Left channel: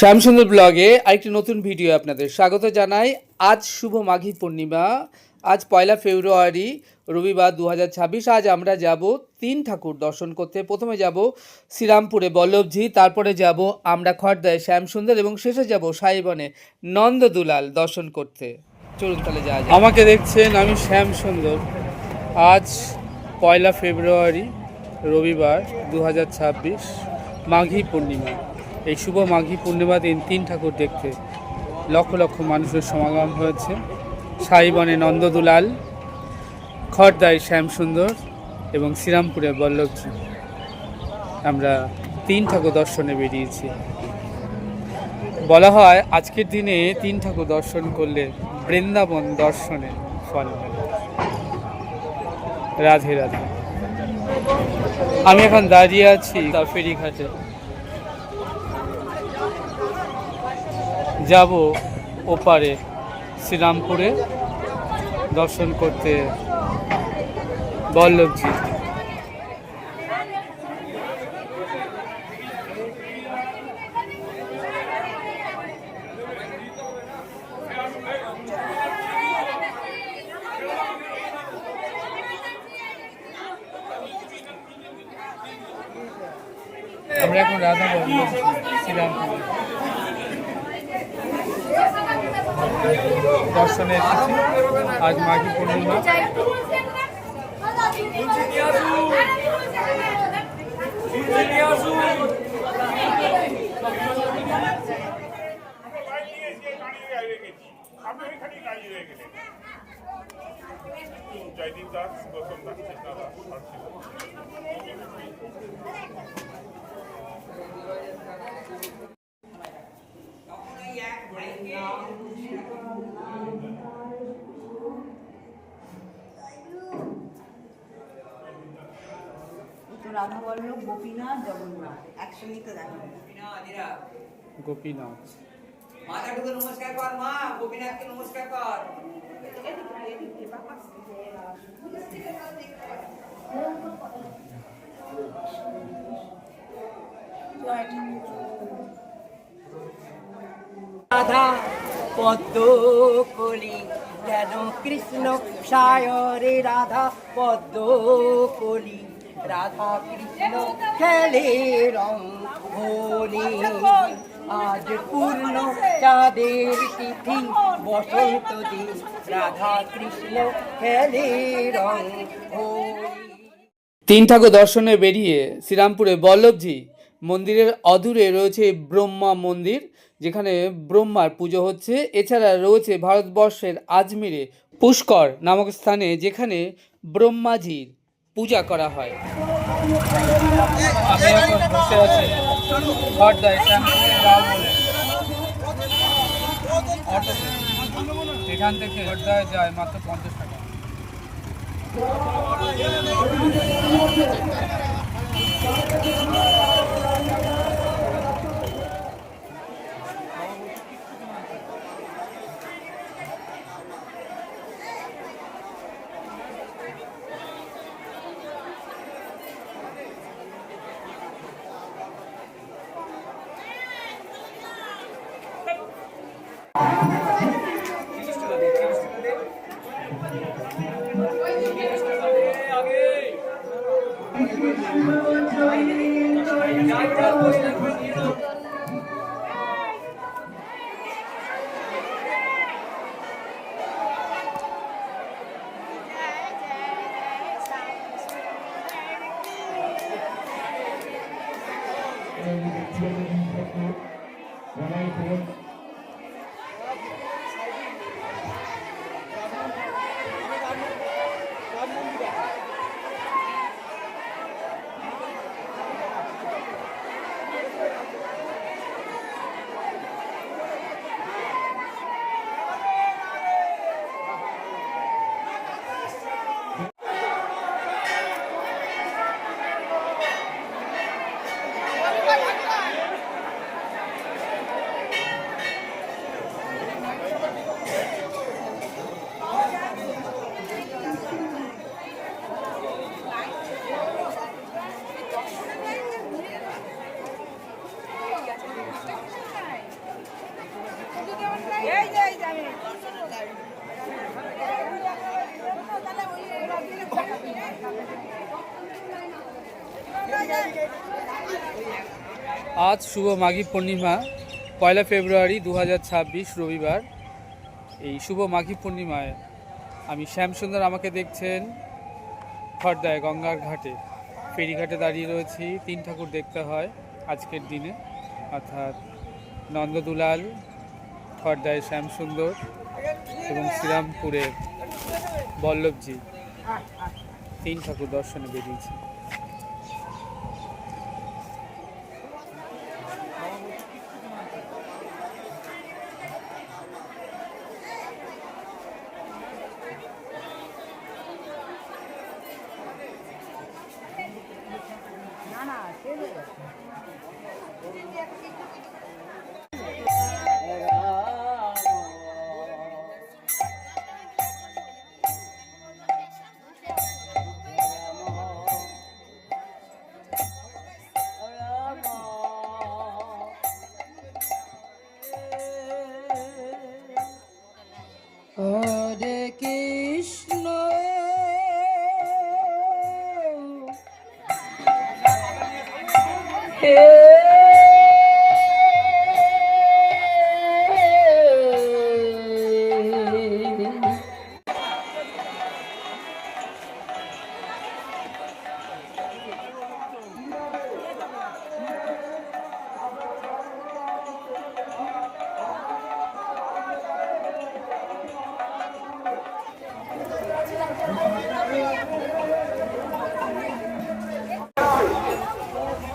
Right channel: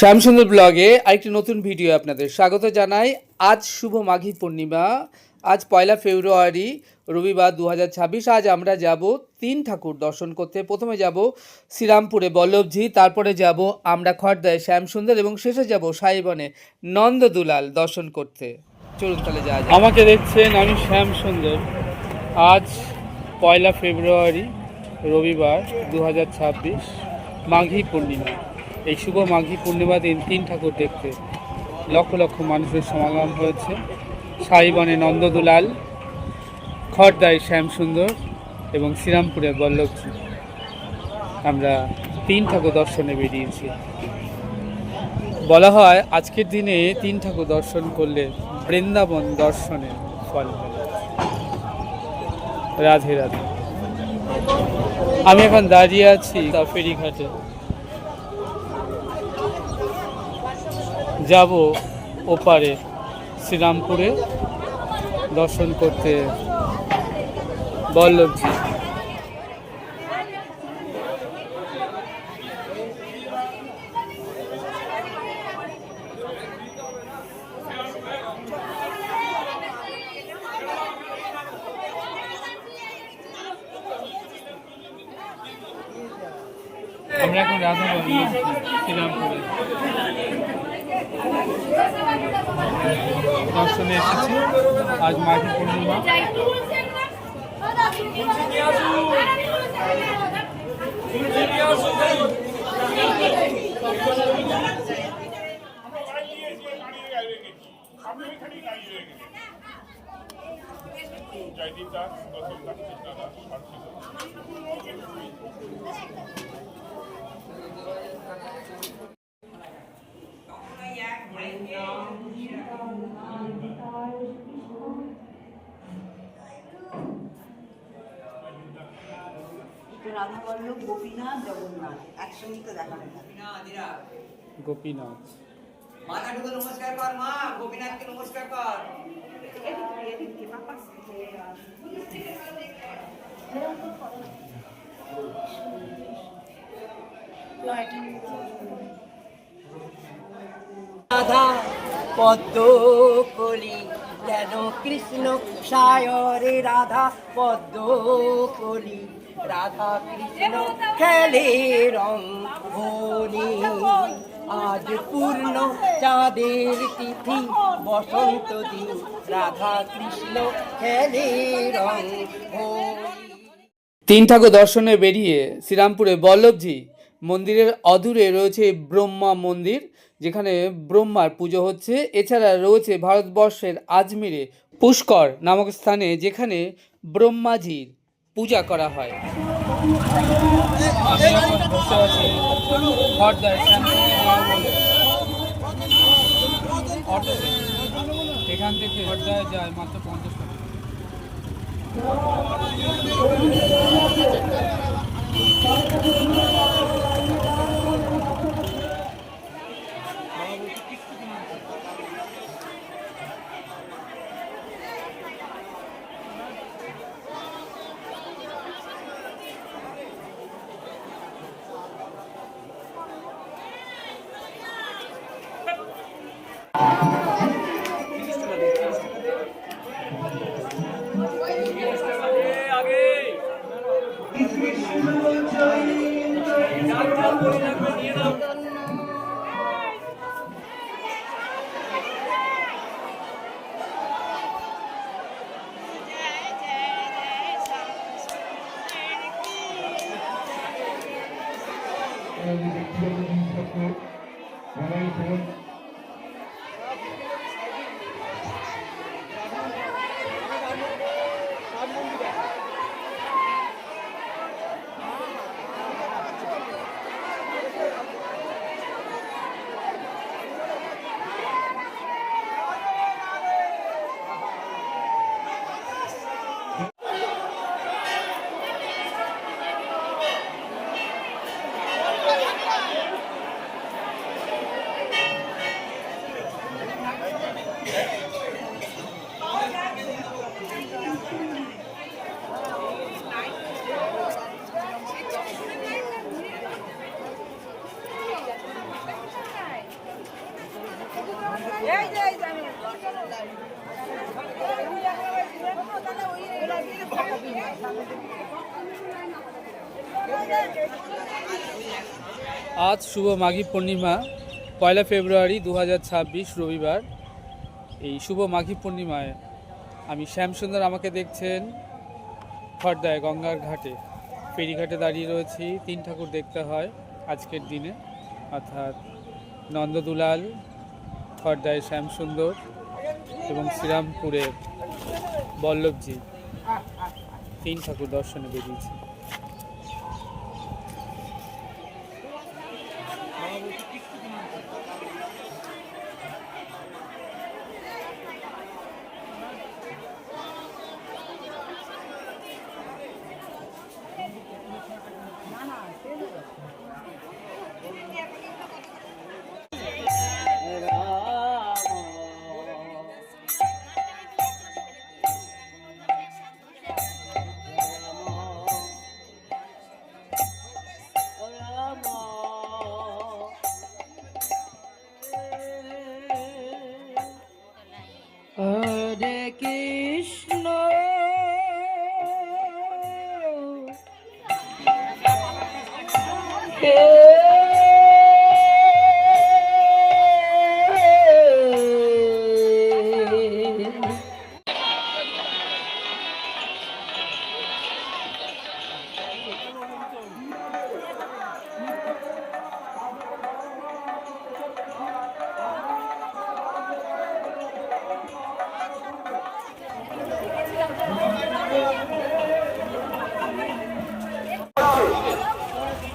শ্যামসুন্দর ব্লগে আরেকটি নতুন ভিডিও আপনাদের স্বাগত জানাই। আজ শুভ মাঘী পূর্ণিমা, আজ 1 ফেব্রুয়ারি রবিবার 2026। আজ আমরা যাব তিন ঠাকুর দর্শন করতে। প্রথমে যাব শ্রীরামপুরে বল্লভজি, তারপরে যাব আমরা খড়দায় শ্যামসুন্দর এবং শেষে যাব সাইবনে নন্দদুলাল দর্শন করতে। চলুন তাহলে যাওয়া যায়। আমাকে দেখছেন, আমি শ্যামসুন্দর। আজ 1 ফেব্রুয়ারি রবিবার 2026, মাঘী পূর্ণিমা। এই শুভ মাঘী পূর্ণিমা দিন তিন ঠাকুর দেখতে লক্ষ লক্ষ মানুষের সমাগম হয়েছে। সাইবনে নন্দদুলাল, খড়দায় শ্যামসুন্দর এবং শ্রীরামপুরে বল্লভজি। আমরা তিন ঠাকুর দর্শনে বেরিয়েছি। বলা হয় আজকের দিনে তিন ঠাকুর দর্শন করলে বৃন্দাবন দর্শনে ফল মেলে। রাধে রাধে। আমি এখন দাঁড়িয়ে আছি ফেরিঘাটে, যাব ওপারে শ্রীরামপুরে দর্শন করতে বল্লভজি। আমরা এখন রাধা বল্লভ শ্রীরামপুরে দর্শনে এসেছি। আজ মাঘী পূর্ণিমা। রাধা বল্লভ, গোপীনাথ, জগন্নাথ একসঙ্গে তো দেখা হয় না। গোপীনাথ, মাতাকে নমস্কার কর, মা গোপীনাথকে নমস্কার কর। রাধা পদ্ম কলি কেন কৃষ্ণ সায়রে, রাধা পদ্ম কলি রাধা কৃষ্ণ খেলে রং হোলি। আজ পূর্ণ চাঁদের তিথি বসন্ত দিন, রাধা কৃষ্ণ খেলে রং হোলি। তিন ঠাকুর দর্শনে বেরিয়ে শ্রীরামপুরে বল্লভজি মন্দিরের অদূরে রয়েছে ব্রহ্মা মন্দির, যেখানে ব্রহ্মার পুজো হচ্ছে। এছাড়া রয়েছে ভারতবর্ষের আজমিরে পুষ্কর নামক স্থানে, যেখানে ব্রহ্মাজির পূজা করা হয়। আমি এখন বসে আছি খড়দায় শ্যামসুন্দর যাও বলে অটোতে। এখান থেকে খড়দায় যায় মাত্র 50 টাকা। আজ শুভ মাঘী পূর্ণিমা, 1 ফেব্রুয়ারি 2026 রবিবার। এই শুভ মাঘী পূর্ণিমায় আমি শ্যামসুন্দর, আমাকে দেখছেন খড়দায় গঙ্গার ঘাটে, ফেরিঘাটে দাঁড়িয়ে রয়েছি। 3 ঠাকুর দেখতে হয় আজকের দিনে, অর্থাৎ নন্দদুলাল, খড়দায় শ্যামসুন্দর এবং শ্রীরামপুরের বল্লভজি। 3 ঠাকুর দর্শনে বেরিয়েছি। হরে কৃষ্ণ হে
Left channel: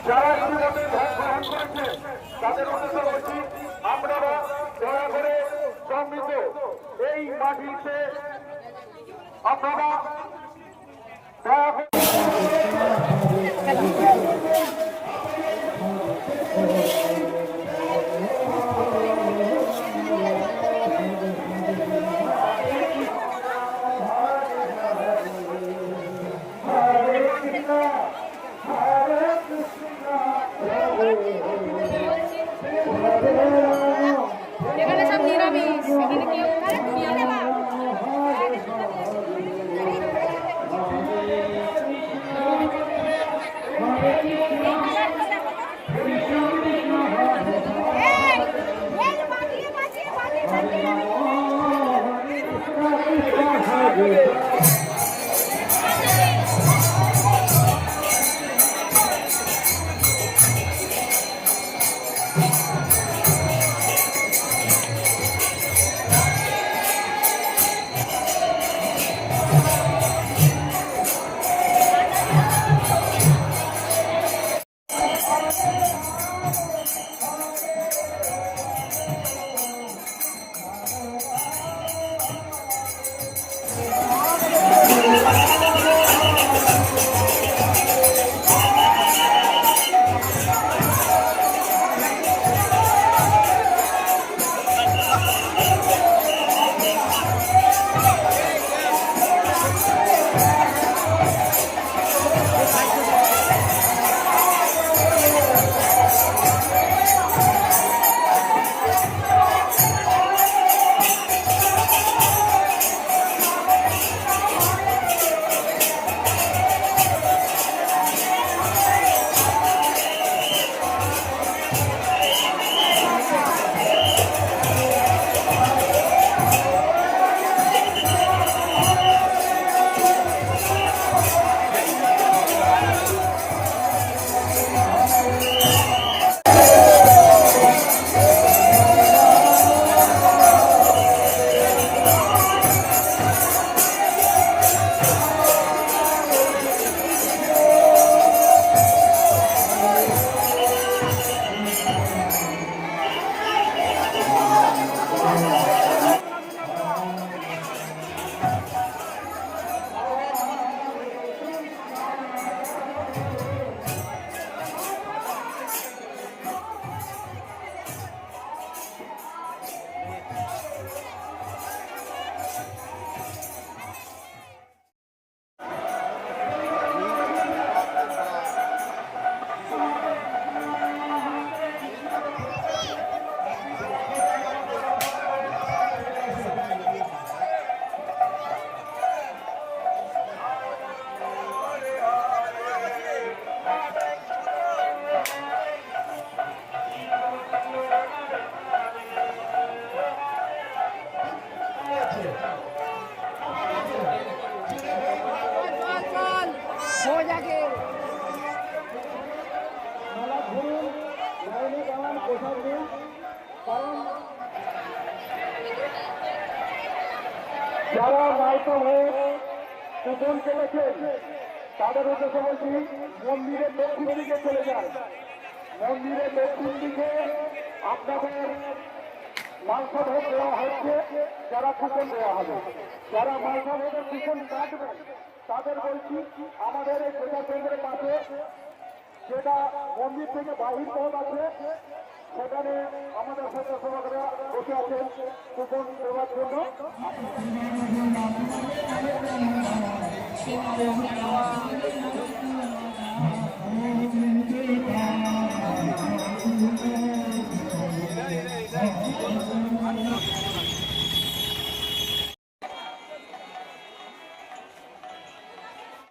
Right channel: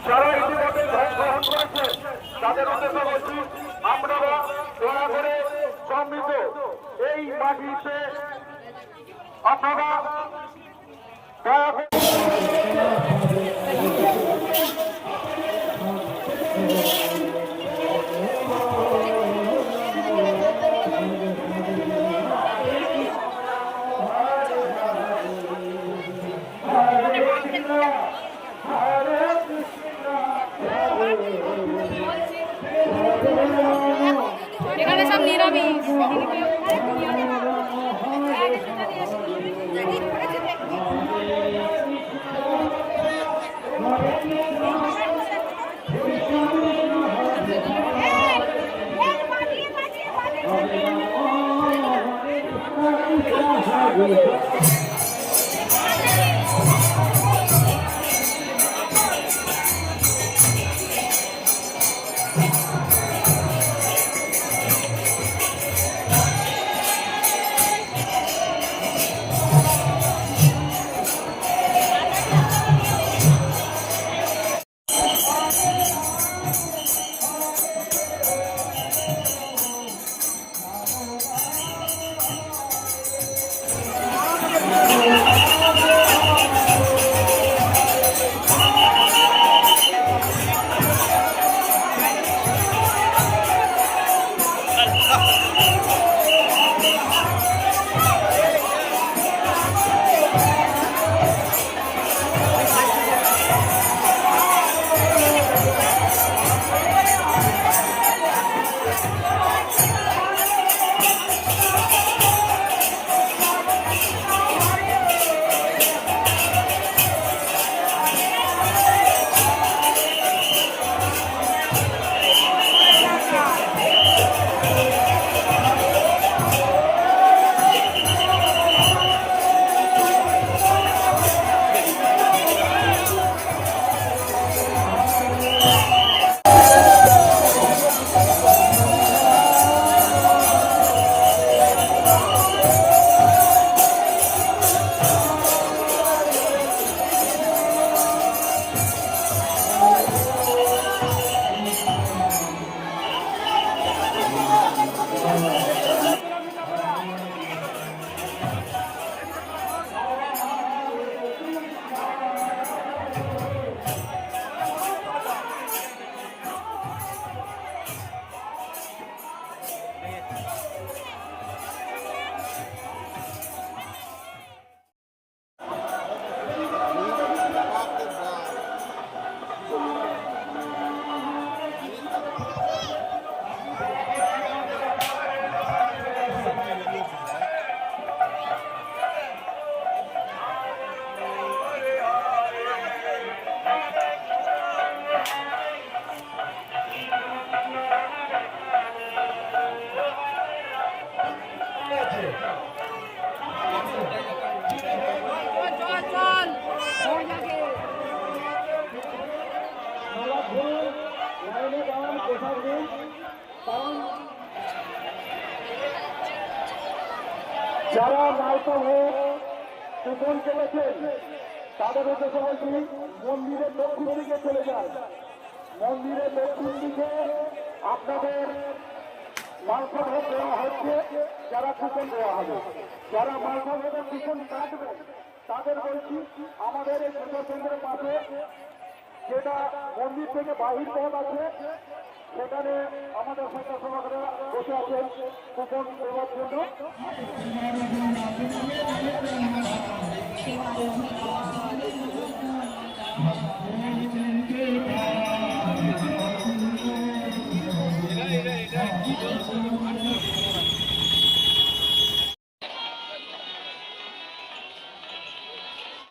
যারা ইতিমধ্যে ভোট গ্রহণ করেছে তাদের উদ্দেশ্য করছি, আপনারা দয়া করে সমৃদ্ধ এই মাটিতে আপনারা দয়া করে এখানে সব নিরামিষ। কারণ যারা মাইতো হয়ে কুপন কেটেছেন তাদের উদ্দেশ্যে বলছি মন্দিরের দক্ষিণ দিকে চলে যায়। মন্দিরের দক্ষিণ দিকে আপনাদের মাংস ভোগ দেওয়া হচ্ছে, যারা কুপন দেওয়া হবে। যারা মাংস ভোগের কুপন কাটবেন তাদের বলছি আমাদের এই সেবা কেন্দ্রের কাছে যেটা মন্দির থেকে বাহির পথ আছে সেখানে আমাদের স্বেচ্ছাসেবকরা বসে আছেন কুপন দেওয়ার জন্য।